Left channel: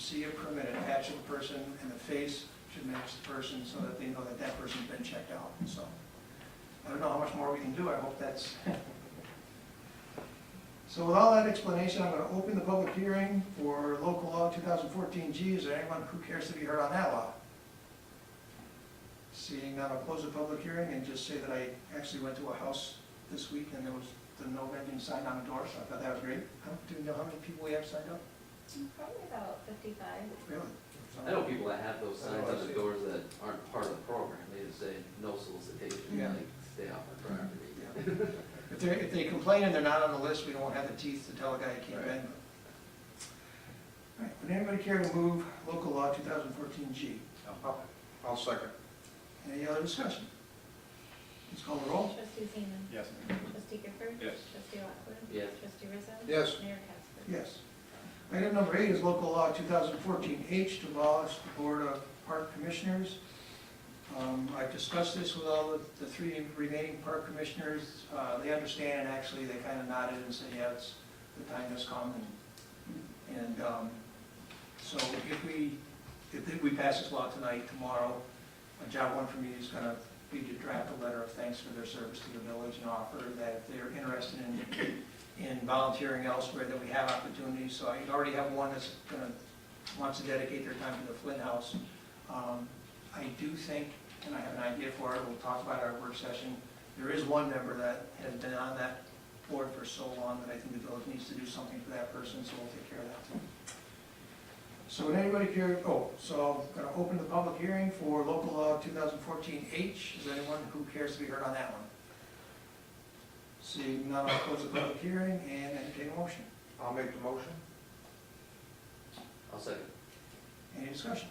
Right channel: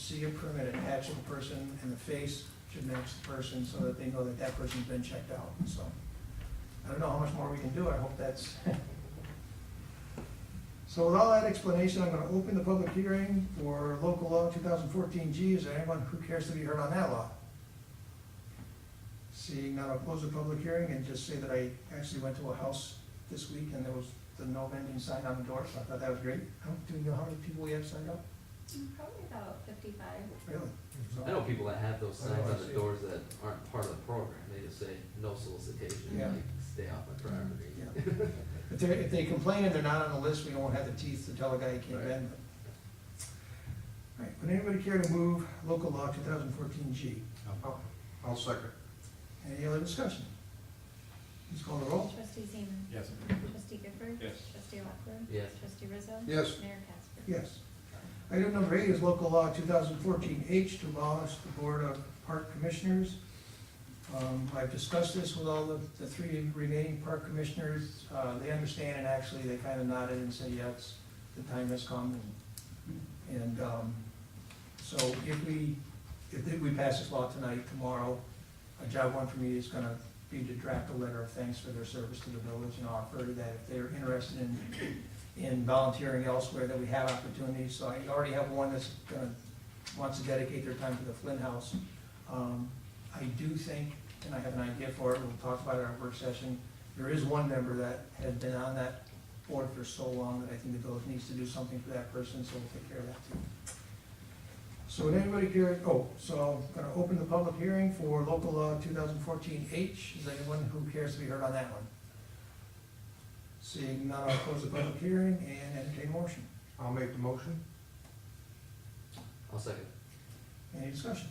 see a permit attached to the person, and the face should match the person so that they know that that person's been checked out, so. I don't know how much more we can do, I hope that's. So with all that explanation, I'm gonna open the public hearing for local law 2014G. Is there anyone who cares to be heard on that law? Seeing none, I'll close the public hearing and just say that I actually went to a house this week and there was the no vending sign on the door, so I thought that was great. Do you know how many people we have signed up? Probably about 55. Really? So- I know people that have those signs I on the see. doors that aren't part of the program, they just say, no solicitation, Yeah. like, stay off my property. Yeah. If they complain and they're not on the list, we don't have the teeth to tell a guy you can't Right. vend them. All right, would anybody care to move local law 2014G? I'll second. Any other discussion? Please call the roll. Trustee Zeman. Yes. Trustee Gifford. Yes. Trustee Lockwood. Yes. Trustee Rizzo. Yes. Mayor Casper. Yes. Item number 8 is local law 2014H to abolish the Board of Park Commissioners. I've discussed this with all of the 3 remaining park commissioners. They understand, and actually they kind of nodded and said, yeah, it's, the time has come. So if we pass this law tonight, tomorrow, a job one for me is gonna be to draft a letter of thanks for their service to the village and offer that if they're interested in volunteering elsewhere, that we have opportunities. So I already have one that's wants to dedicate their time to the Flynn House. I do think, and I have an idea for it, we'll talk about it at our work session, there is one member that has been on that board for so long that I think the village needs to do something for that person, so we'll take care of that too. So would anybody care, so I'm gonna open the public hearing for local law 2014H. Is there anyone who cares to be heard on that one? Seeing none, I'll close the public hearing and entertain a motion. I'll make the motion. I'll second. Any discussion?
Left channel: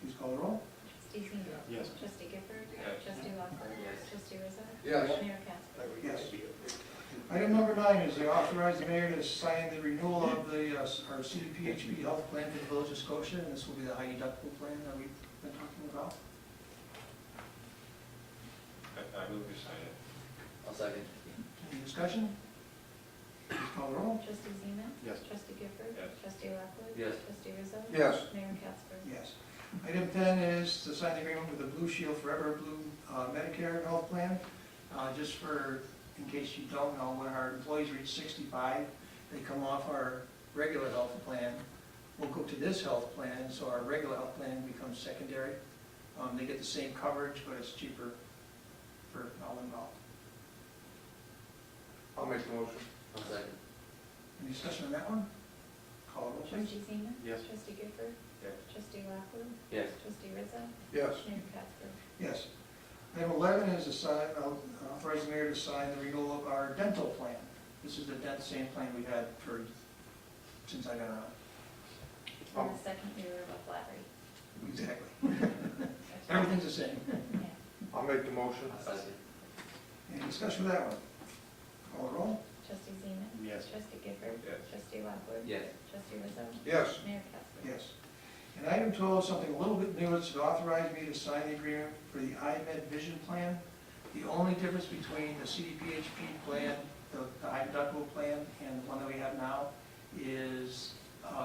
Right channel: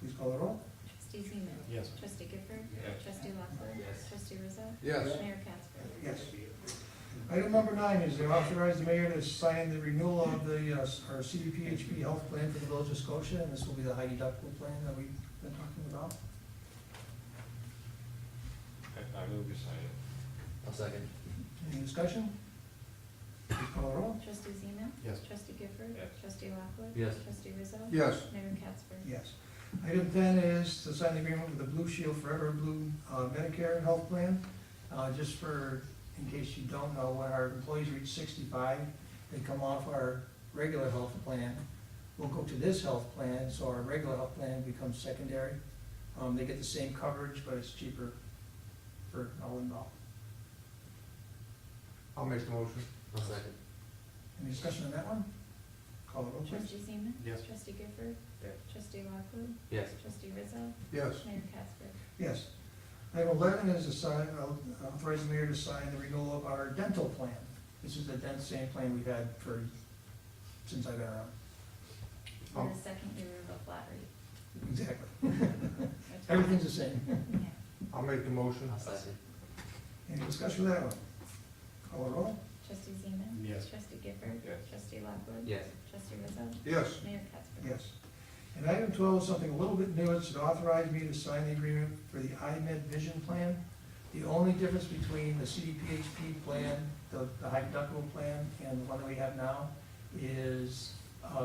Please call the roll. Trustee Zeman. Yes. Trustee Gifford. Yes. Trustee Lockwood. Yes. Trustee Rizzo. Yes. Mayor Casper. Yes. Item number 9 is to authorize the mayor to sign the renewal of our CDPHP health plan for the village of Scotia, and this will be the high deductible plan that we've been talking about. I move you sign it. I'll second. Any discussion? Please call the roll. Trustee Zeman. Yes. Trustee Gifford. Yes. Trustee Lockwood. Yes. Trustee Rizzo. Yes. Mayor Casper. Yes. Item 10 is to sign the agreement with the Blue Shield Forever Blue Medicare health plan. Just for, in case you don't know, when our employees reach 65, they come off our regular health plan. We'll go to this health plan, so our regular health plan becomes secondary. They get the same coverage, but it's cheaper for all involved. I'll make the motion. I'll second. Any discussion on that one? Call the roll, please. Trustee Zeman. Yes. Trustee Gifford. Yes. Trustee Lockwood. Yes. Trustee Rizzo. Yes. Mayor Casper. Yes. Item 11 is authorize the mayor to sign the renewal of our dental plan. This is the same plan we've had since I've been around. For the second year of a flat rate. Exactly. Everything's the same. Yeah. I'll make the motion. I'll second. Any discussion with that one? Call the roll. Trustee Zeman. Yes. Trustee Gifford. Yes. Trustee Lockwood. Yes. Trustee Rizzo. Yes. Mayor Casper. Yes. And item 12 is something a little bit new. It's to authorize me to sign the agreement for the iMed Vision Plan. The only difference between the CDPHP plan, the high deductible plan, and the one that we have now is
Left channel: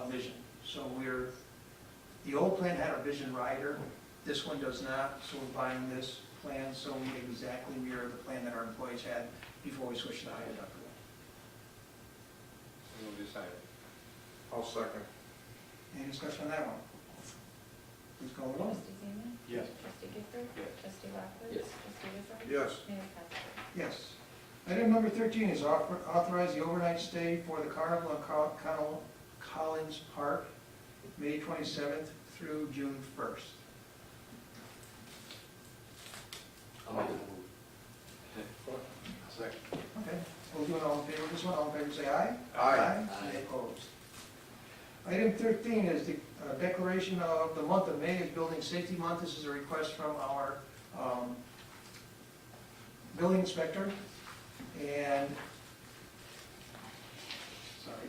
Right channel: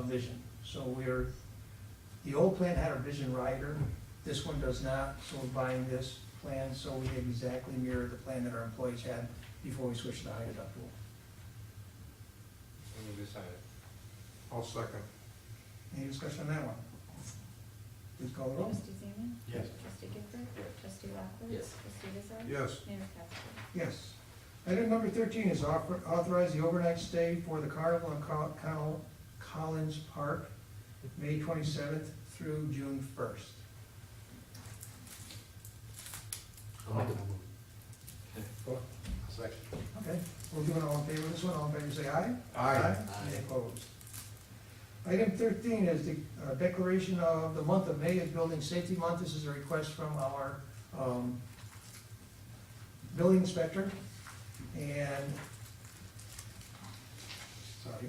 vision. So the old plan had a vision rider. This one does not, so we're buying this plan, so we exactly mirror the plan that our employees had before we switched to high deductible. I move you sign it. I'll second. Any discussion on that one? Please call the roll. Trustee Zeman. Yes. Trustee Gifford. Yes. Trustee Lockwood. Yes. Trustee Rizzo. Yes. Mayor Casper. Yes. Item number 13 is authorize the overnight stay for the Carnival in Collins Park, May 27th through June 1st. I'll make it. Second. Okay, we'll do it all in favor of this one. All in favor, say aye. Aye. Any opposed? Item 13 is the declaration of the month of May as Building Safety Month. This is a request from our building inspector. And, sorry,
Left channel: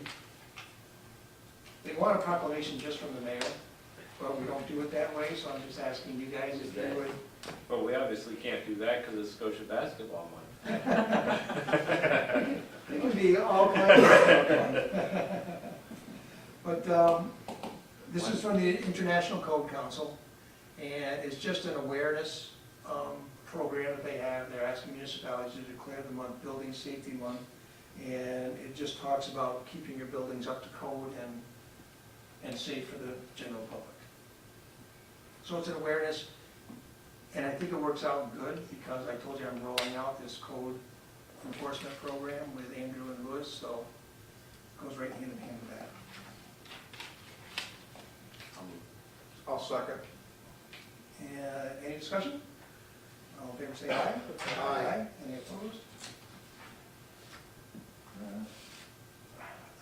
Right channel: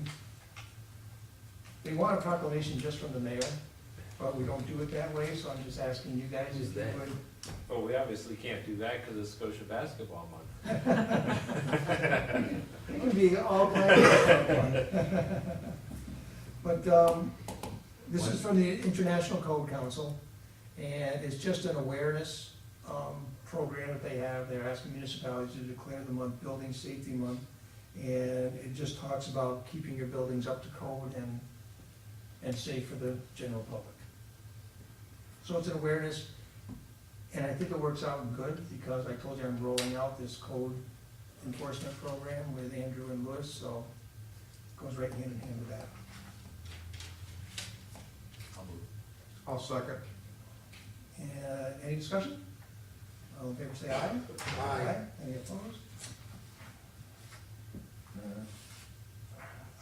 they want a proclamation just from the mayor, but we don't do it that way, so I'm just asking you guys if you would. Well, we obviously can't do that because it's Scotia basketball month. It can be all kinds of stuff. But This is from the International Code Council, and it's just an awareness program that they have. They're asking municipalities to declare the month Building Safety Month, and it just talks about keeping your buildings up to code and safe for the general public. So it's an awareness, and I think it works out good, because I told you I'm rolling out this code enforcement program with Andrew and Lewis, so it goes right hand in hand with that. I'll second. Any discussion? All in favor, say aye. Aye. Any opposed?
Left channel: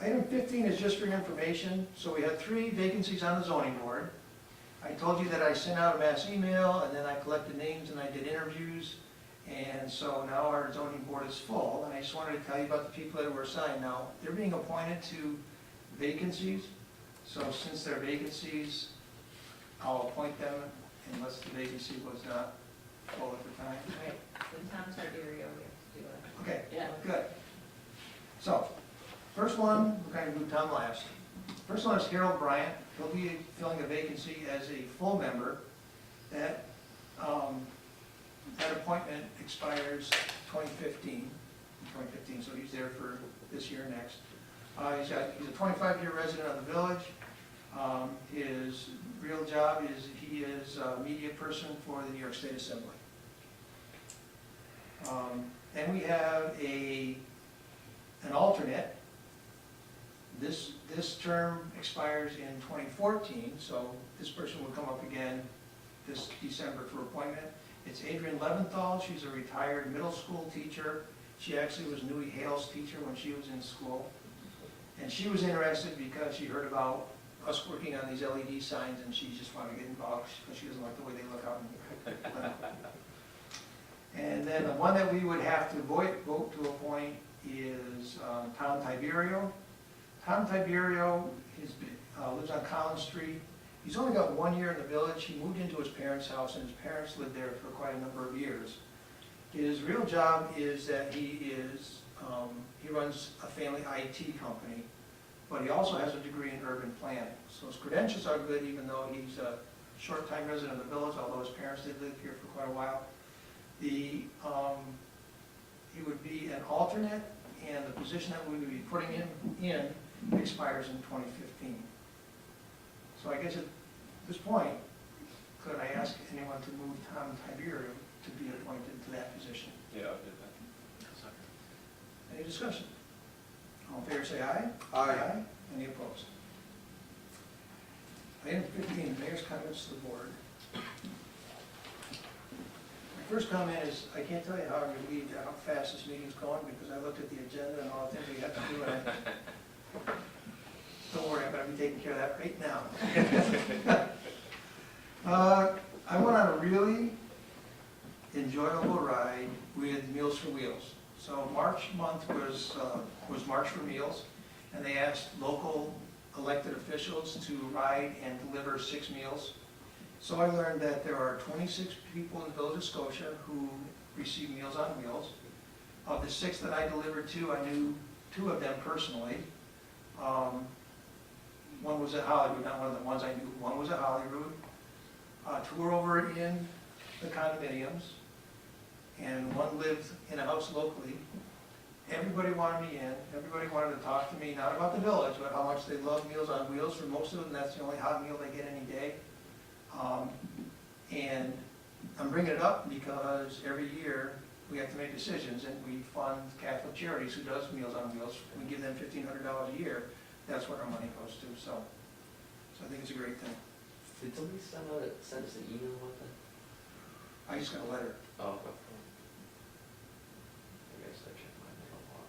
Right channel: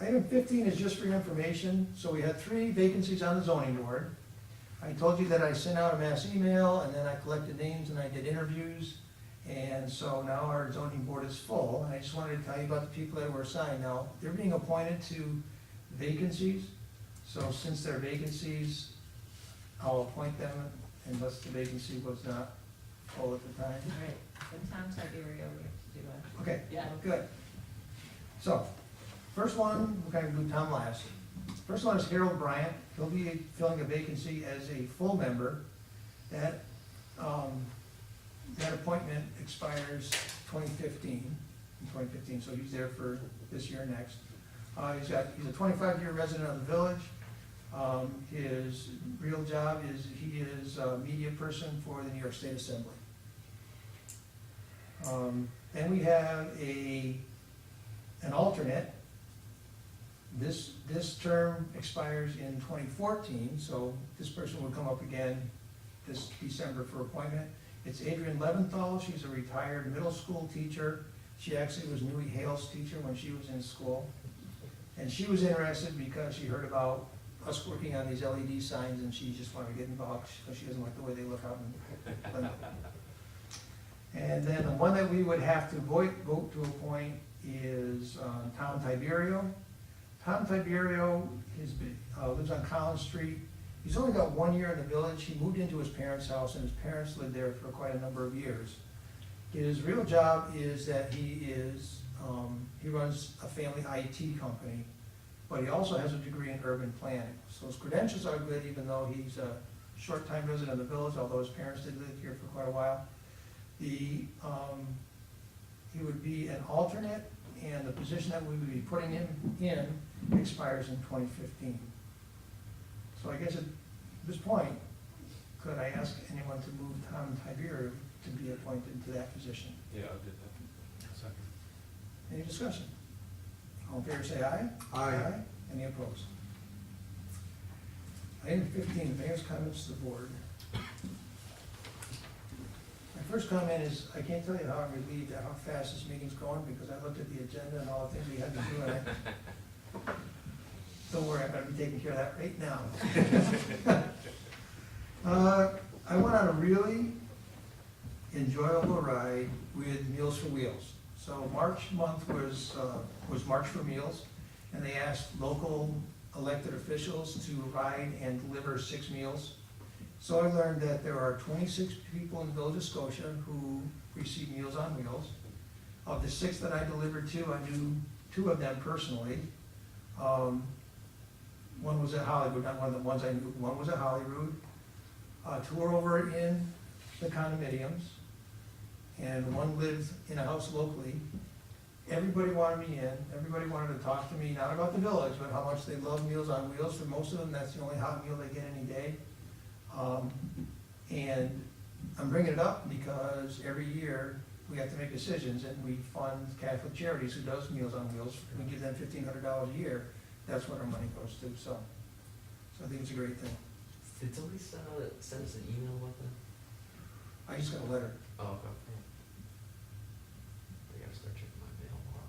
Item 15 is just for your information. So we had 3 vacancies on the zoning board. I told you that I sent out a mass email, and then I collected names and I did interviews. And so now our zoning board is full, and I just wanted to tell you about the people that were assigned. Now, they're being appointed to vacancies. So since they're vacancies, I'll appoint them unless the vacancy was not full at the time. Right, so Tom Tiberio, we have to do a. Okay, Yeah. good. So, first one, we're going to do Tom last. First one is Harold Bryant. He'll be filling a vacancy as a full member. That appointment expires 2015, so he's there for this year and next. He's a 25-year resident of the village. His real job is, he is a media person for the New York State Assembly. Then we have an alternate. This term expires in 2014, so this person will come up again this December for appointment. It's Adrienne Leventhal. She's a retired middle school teacher. She actually was Newey Hale's teacher when she was in school. And she was interested because she heard about us working on these LED signs, and she just wanted to get involved because she doesn't like the way they look out in Plymouth. And then the one that we would have to vote to appoint is Tom Tiberio. Tom Tiberio lives on Collins Street. He's only got 1 year in the village. He moved into his parents' house, and his parents lived there for quite a number of years. His real job is that he runs a family IT company, but he also has a degree in urban planning. So his credentials are good, even though he's a short-time resident of the village, although his parents did live here for quite a while. He would be an alternate, and the position that we would be putting him in expires in 2015. So I guess at this point, could I ask anyone to move Tom Tiberio to be appointed to that position? Yeah, I'll do that. Any discussion? All in favor, say aye. Aye. Any opposed? Item 15, mayor's comments to the board. My first comment is, I can't tell you how I'm relieved at how fast this meeting's going, because I looked at the agenda and all the things we had to do, and don't worry, I'm gonna be taking care of that right now. I went on a really enjoyable ride with Meals for Wheels. So March month was March for Meals, and they asked local elected officials to ride and deliver 6 meals. So I learned that there are 26 people in the village of Scotia who receive Meals on Wheels. Of the 6 that I delivered to, I knew 2 of them personally. One was at Hollywood, not one of the ones I knew. One was at Hollywood. 2 were over in the condominiums, and 1 lived in a house locally. Everybody wanted me in. Everybody wanted to talk to me, not about the village, but how much they love Meals on Wheels. For most of them, that's the only hot meal they get any day. And I'm bringing it up because every year we have to make decisions, and we fund Catholic Charities, who does Meals on Wheels. We give them $1,500 a year. That's what our money goes to. So I think it's a great thing. Did somebody send us an email about that? I just got a letter. Oh, okay. I gotta start checking my mail more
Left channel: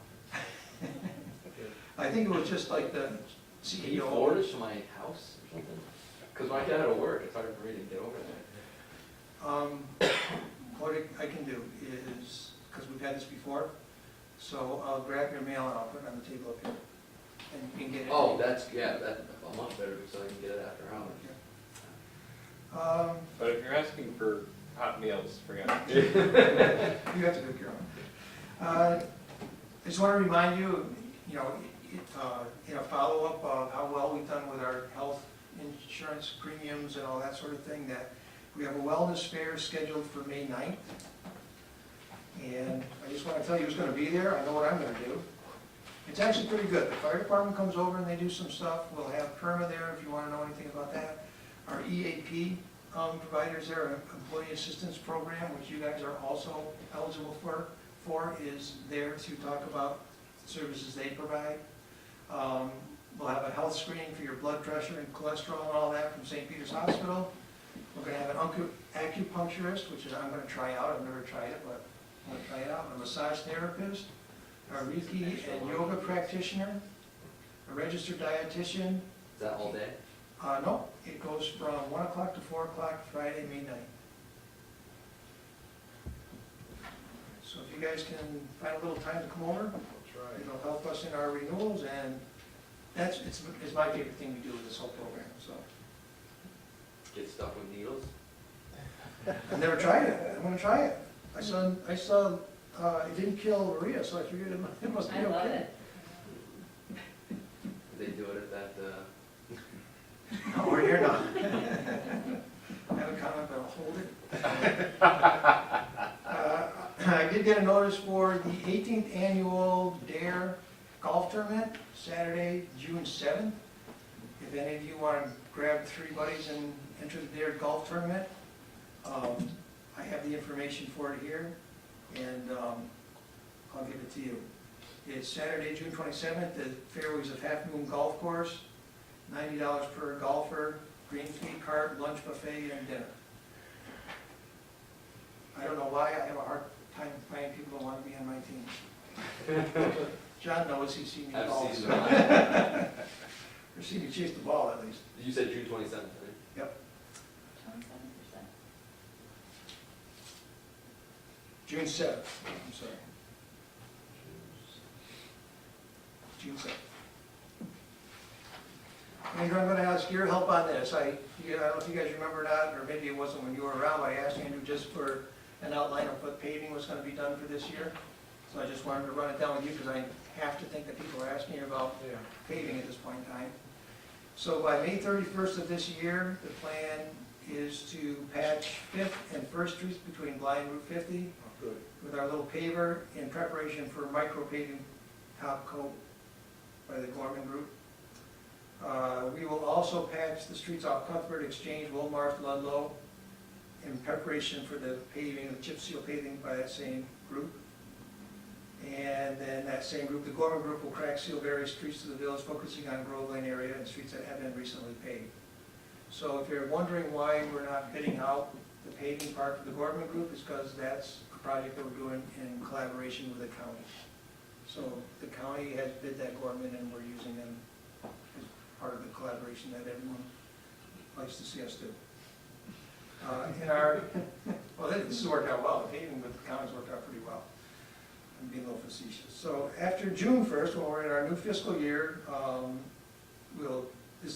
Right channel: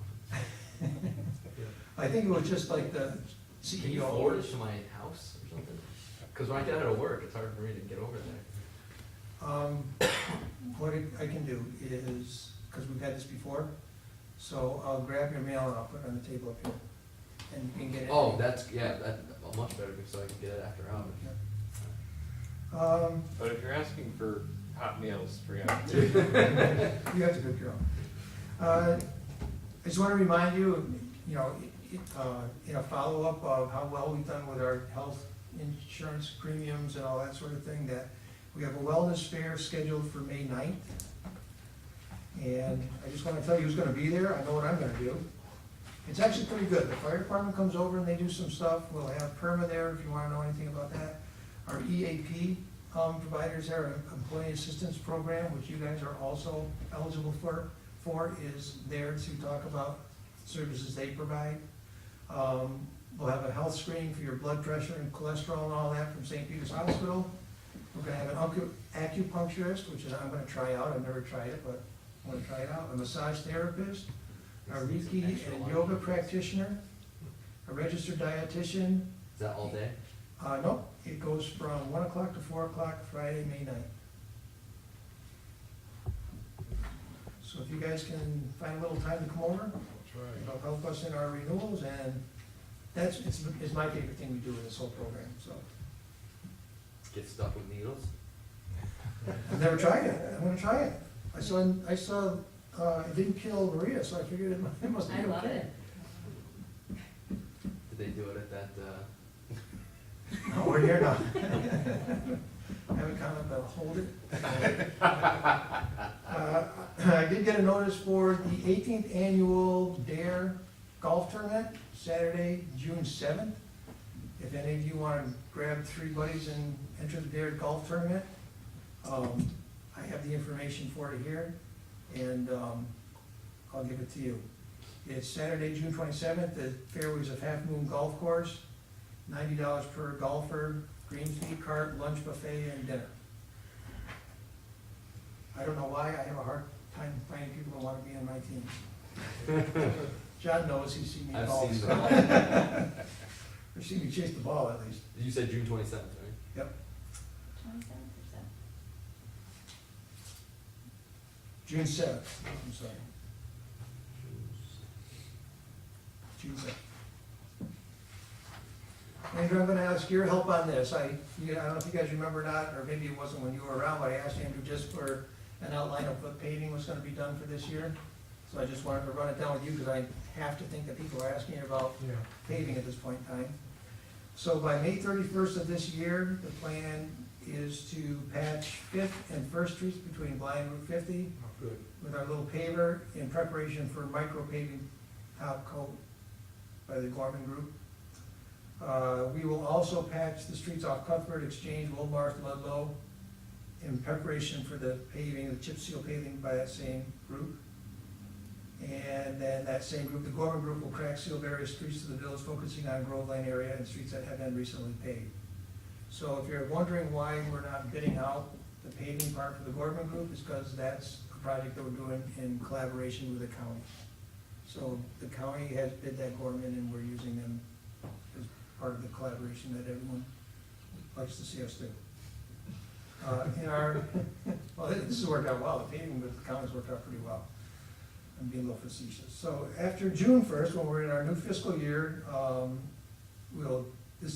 often. I think it was just like the Can you CEO. forward it to my house or something? Cause when I get out of work, it's hard for me to get over there. What I can do is, because we've had this before, so I'll grab your mail and I'll put it on the table up here, and you can get it. Oh, that's much better, so I can get it after hours. But if you're asking for hot meals, forget it. You have to cook your own. I just want to remind you, in a follow-up of how well we've done with our health insurance premiums and all that sort of thing, that we have a wellness fair scheduled for May 9th. And I just wanna tell you who's gonna be there, I know what I'm gonna do. It's actually pretty good, the fire department comes over and they do some stuff, we'll have PERMA there if you wanna know anything about that. Our EAP providers there, our Employee Assistance Program, which you guys are also eligible for is there to talk about services they provide. We'll have a health screening for your blood pressure and cholesterol and all that from St. Peter's Hospital. We're gonna have an acupuncturist, which is, I'm gonna try out, I've never tried it, but I'm gonna try it out. A massage therapist, a Reiki and yoga practitioner, a registered dietitian. Is that all day? No, it goes from 1 o'clock to 4 o'clock Friday, May 9th. So if you guys can find a little time to come over, it'll help us in our renewals, and it's my favorite thing we do with this whole program, so. Get stuck with needles? I've never tried it, I'm gonna try it. I saw, it didn't kill Maria, so I figured it must be I okay. love it. Did they do it at that, Oh, we're here now. I haven't come, I'm gonna hold it. I did get a notice for the 18th annual DARE golf tournament, Saturday, June 7th. If any of you want to grab 3 buddies and enter the DARE golf tournament, I have the information for it here, and I'll give it to you. It's Saturday, June 27th, the fairways of Half Moon Golf Course, $90 per golfer, green fee cart, lunch buffet, and dinner. I don't know why, I have a hard time finding people that want to be on my team. John knows, he's seen me I've golf. seen so- that. I've seen you chase the ball at least. You said June 27th, right? 27%. June 7th, I'm sorry. June 7th. Andrew, I'm gonna ask your help on this. I don't know if you guys remember or not, or maybe it wasn't when you were around, but I asked Andrew just for an outline of what paving was gonna be done for this year. So I just wanted to run it down with you, because I have to think that people are asking about paving at this point in time. So by May 31st of this year, the plan is to patch 5th and 1st Streets between Bly and Route 50 Good. with our little paver in preparation for micro paving top coat by the Gorman Group. We will also patch the streets off Cuthbert, Exchange, Wilmarth, Ludlow in preparation for the paving, the chip seal paving by that same group. And then that same group, the Gorman Group, will crack seal various streets to the village, focusing on Grove Lane area and streets that have been recently paved. So if you're wondering why we're not bidding out the paving part for the Gorman Group, it's because that's a project that we're doing in collaboration with the county. So the county has bid that Gorman, and we're using them as part of the collaboration that everyone likes to see us do. Well, this has worked out well, the paving with the county's worked out pretty well. I'm being a little facetious. So after June 1st, when we're in our new fiscal year,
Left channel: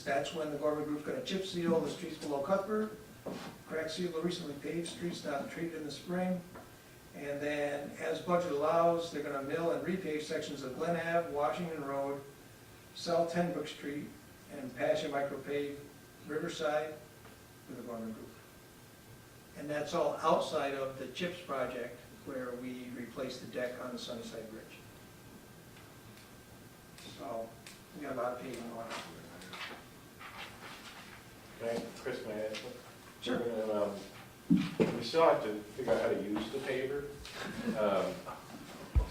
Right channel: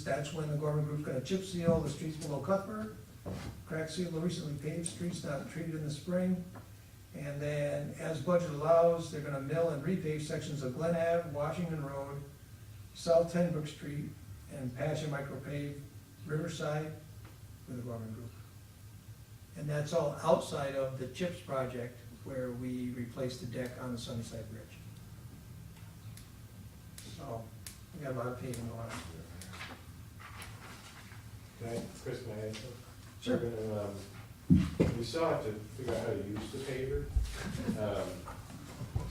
that's when the Gorman Group's gonna chip seal the streets below Cuthbert, crack seal the recently paved streets not treated in the spring, and then, as budget allows, they're gonna mill and repave sections of Glen Ave, Washington Road, South 10 Brook Street, and patch and micropave Riverside with the Gorman Group. And that's all outside of the CHIPS project, where we replaced the deck on the Sunnyside Bridge. So, we got a lot of paving going on. Chris, may I ask one? Sure. We still have to figure out how to use the paver.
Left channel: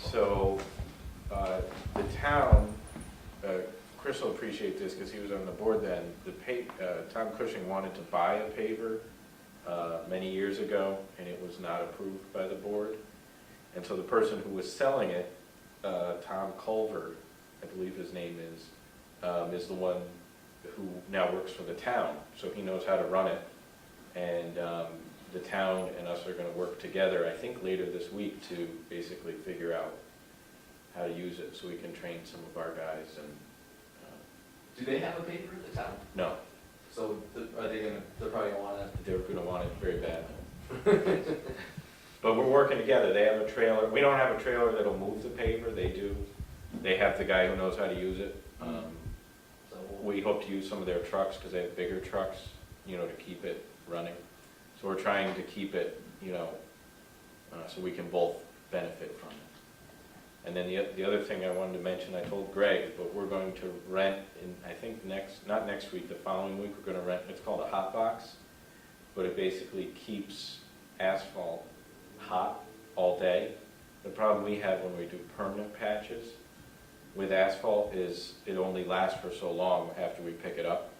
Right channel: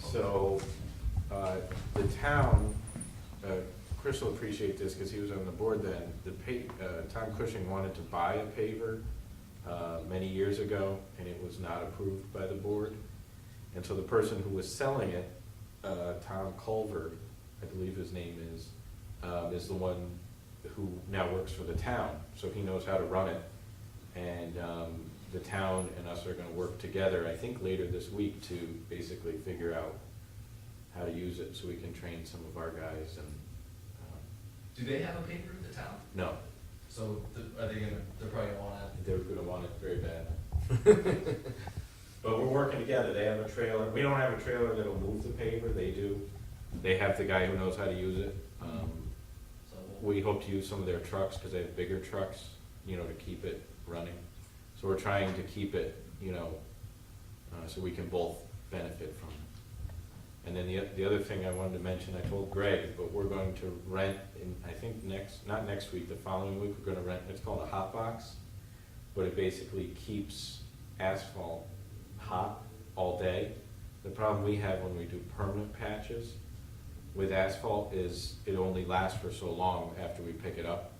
So, the town, Chris will appreciate this because he was on the board then, Tom Cushing wanted to buy a paver many years ago, and it was not approved by the board. And so the person who was selling it, Tom Culver, I believe his name is the one who now works for the town, so he knows how to run it. And the town and us are gonna work together, I think later this week, to basically figure out how to use it, so we can train some of our guys and, Do they have a paper in the town? no, So are they gonna, they're probably gonna want it? they're gonna want it very bad. But we're working together, they have a trailer, we don't have a trailer that'll move the paver, they do. They have the guy who knows how to use it. So we hope to use some of their trucks, because they have bigger trucks, you know, to keep it running. So we're trying to keep it, you know, so we can both benefit from it. And then the other thing I wanted to mention, I told Greg, but we're going to rent, in I think not next week, the following week, we're gonna rent, it's called a hot box, but it basically keeps asphalt hot all day. The problem we have when we do permanent patches with asphalt is it only lasts for so long after we pick it up.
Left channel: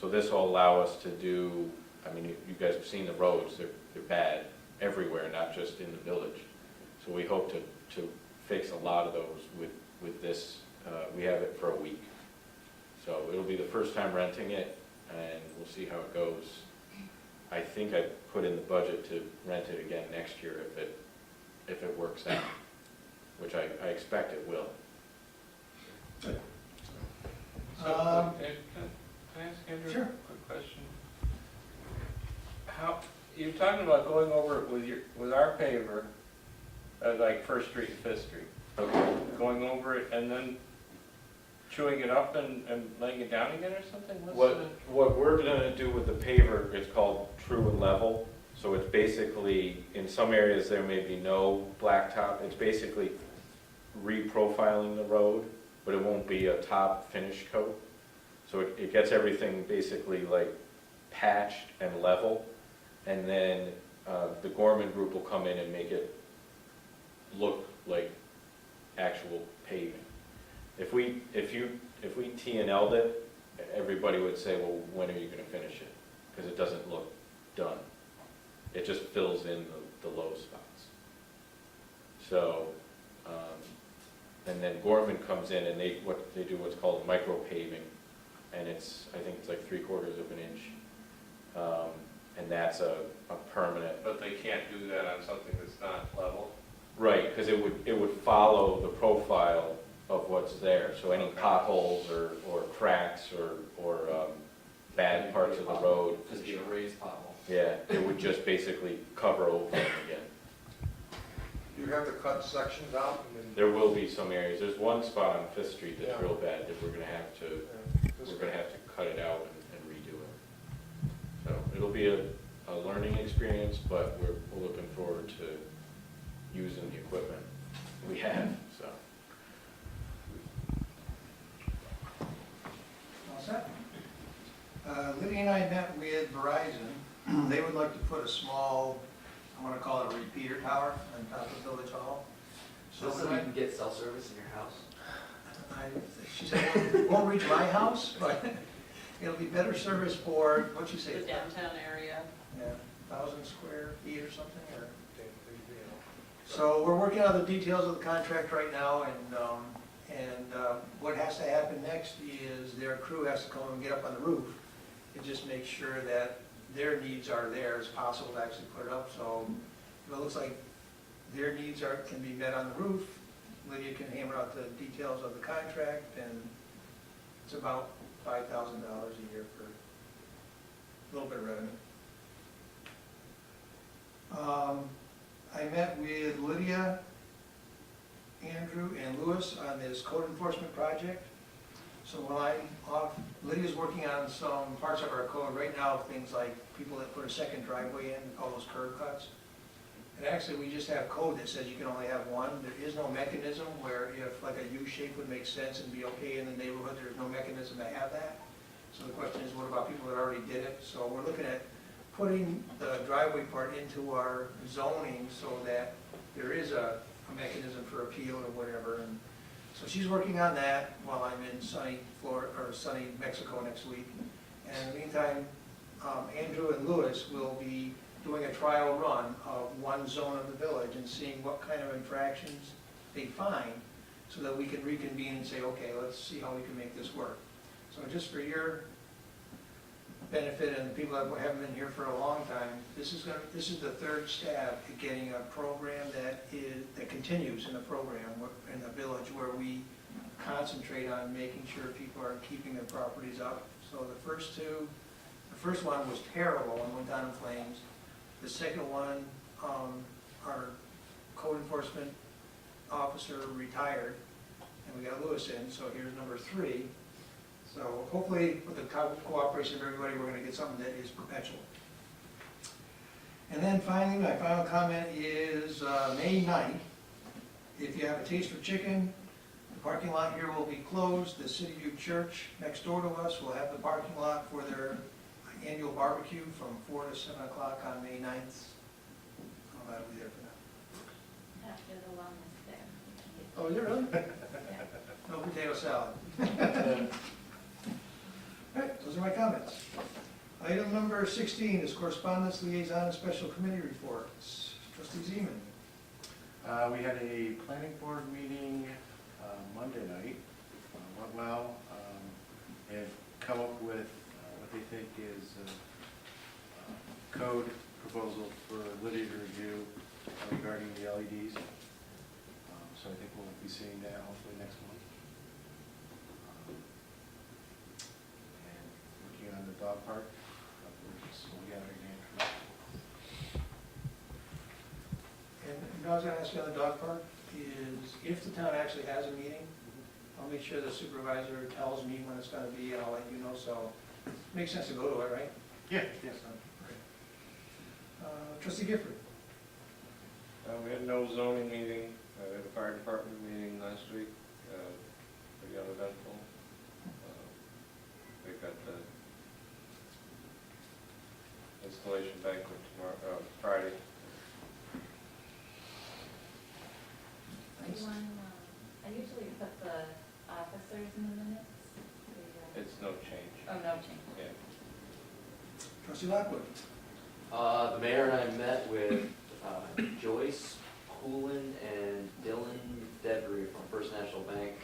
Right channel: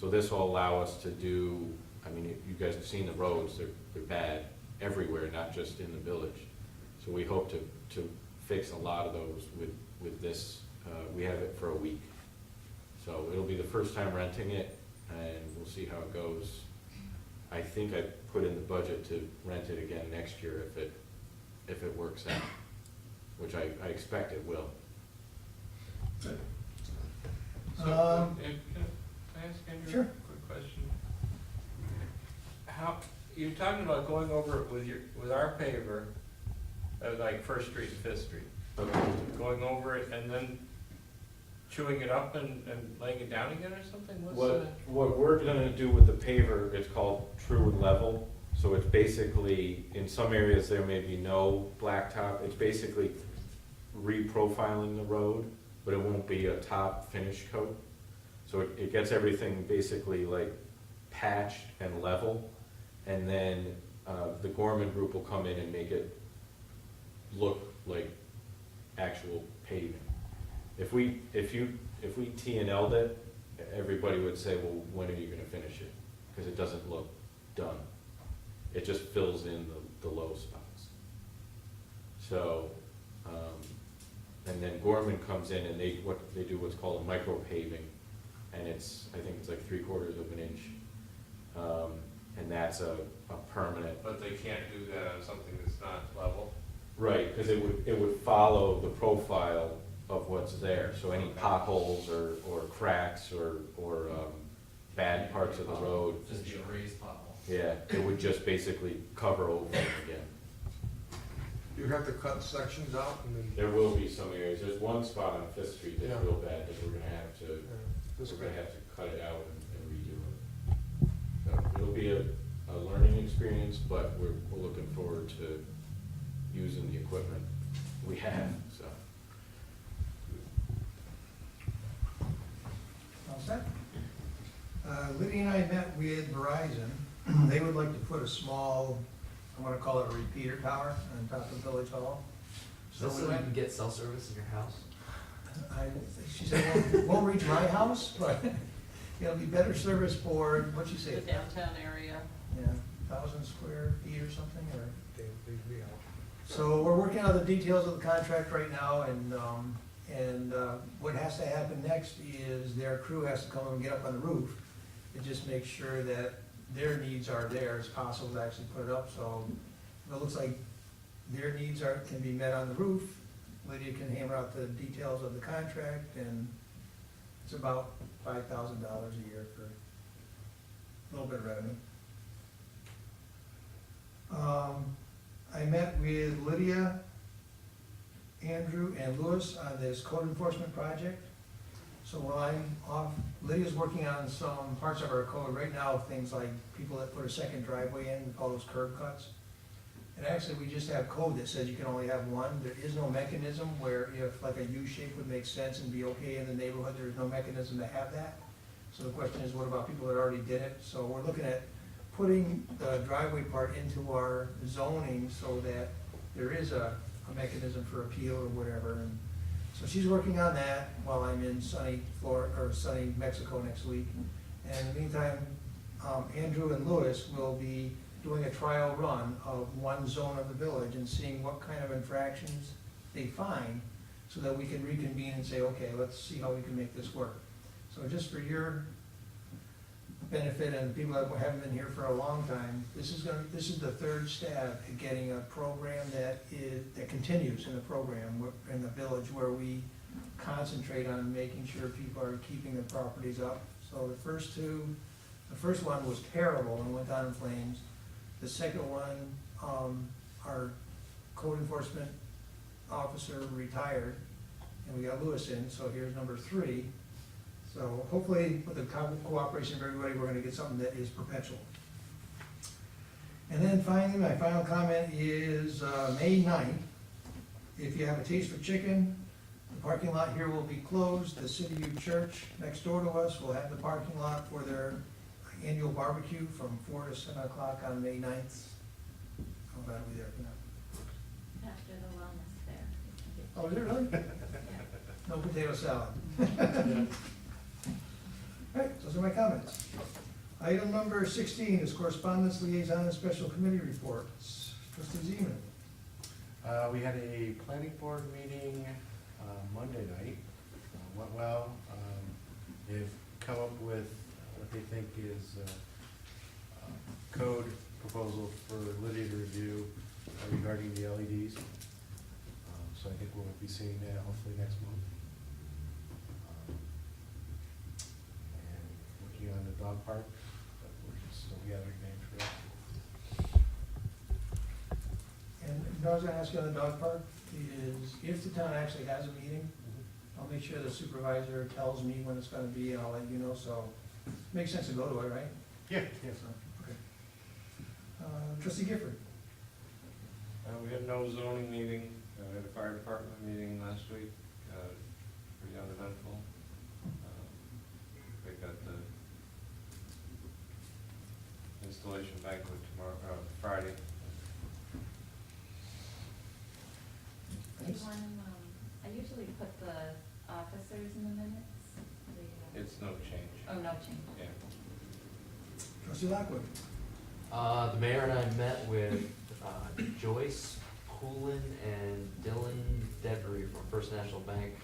So this will allow us to do, I mean, you guys have seen the roads, they're bad everywhere, not just in the village. So we hope to fix a lot of those with this. We have it for a week. So it'll be the first time renting it, and we'll see how it goes. I think I put in the budget to rent it again next year if it works out, which I expect it will. So, can I ask Andrew Sure. a quick question? How, you're talking about going over it with our paver, like First Street and Fifth Street, Okay. going over it and then chewing it up and laying it down again or something? What we're gonna do with the paver, it's called true and level. So it's basically, in some areas there may be no blacktop. It's basically reprofiling the road, but it won't be a top finish coat. So it gets everything basically like patched and level. And then the Gorman Group will come in and make it look like actual paving. If we T&L'd it, everybody would say, well, when are you gonna finish it? Because it doesn't look done. It just fills in the low spots. So, and then Gorman comes in and they do what's called a micro paving, and I think it's like 3/4 of an inch. And that's a permanent. But they can't do that on something that's not level? Right, because it would follow the profile of what's there. So any potholes or cracks or bad parts of the road. Just be a raised pothole. Yeah, it would just basically cover over them again. You have to cut sections out and then, There will be some areas. There's one spot on Fifth Street that's Yeah. real bad that we're gonna have to this cut it out and redo it. So it'll be a learning experience, but we're looking forward to using the equipment we have, so. All set? Lydia and I met with Verizon. They would like to put a small, I'm gonna call it a repeater tower on top of Village Hall. So we you went- can get cell service in your house? She said, it won't reach my house, but it'll be better service for, what'd you The say? downtown area. Yeah, 1,000 square feet or something, or? So we're working out the details of the contract right now, and what has to happen next is their crew has to come and get up on the roof. It just makes sure that their needs are there as possible to actually put it up, so if it looks like their needs can be met on the roof, Lydia can hammer out the details of the contract, and it's about $5,000 a year for a little bit of revenue. I met with Lydia, Andrew, and Lewis on this code enforcement project. So while I'm off, Lydia's working on some parts of our code right now, things like people that put a second driveway in, we call those curb cuts. And actually, we just have code that says you can only have one. There is no mechanism where if like a U shape would make sense and be okay in the neighborhood, there's no mechanism to have that. So the question is, what about people that already did it? So we're looking at putting the driveway part into our zoning so that there is a mechanism for appeal or whatever. And so she's working on that while I'm in sunny Florida, or sunny Mexico next week. And in the meantime, Andrew and Lewis will be doing a trial run of one zone of the village and seeing what kind of infractions they find so that we can reconvene and say, okay, let's see how we can make this work. So just for your benefit and the people that haven't been here for a long time, this is the third stab at getting a program that continues in the program in the village where we concentrate on making sure people are keeping their properties up. So the first one was terrible and went down in flames. The second one, our code enforcement officer retired, and we got Lewis in, so here's number 3. So hopefully, with the cooperation of everybody, we're gonna get something that is perpetual. And then finally, my final comment is, May 9th, if you have a taste for chicken, the parking lot here will be closed. The City View Church next door to us will have the parking lot for their annual barbecue from 4 to 7 o'clock on May 9th. That'll be there for them. After the wellness there. Oh, is it really? Yeah. No potato salad. All right, those are my comments. Item number 16 is correspondence, liaison, and special committee reports. Trustee Zeman. We had a planning board meeting Monday night. Went well. They've come up with what they think is a code proposal for Lydia to review regarding the LEDs. So I think we'll be seeing that hopefully next month. And working on the dog park. But we're just still gathering the information. And I was gonna ask you on the dog park, is if the town actually has a meeting, I'll make sure the supervisor tells me when it's gonna be, and I'll let you know, so it makes sense to go to it, right? Yeah, yes. Trustee Gifford. We had no zoning meeting, we had a fire department meeting last week, pretty uneventful. They got the installation banquet tomorrow, Friday. Do you want, I usually put the officers in the minutes. It's no change, Oh, no change. yeah. Trustee Lockwood. The mayor and I met with Joyce Poulin and Dylan Devery from First National Bank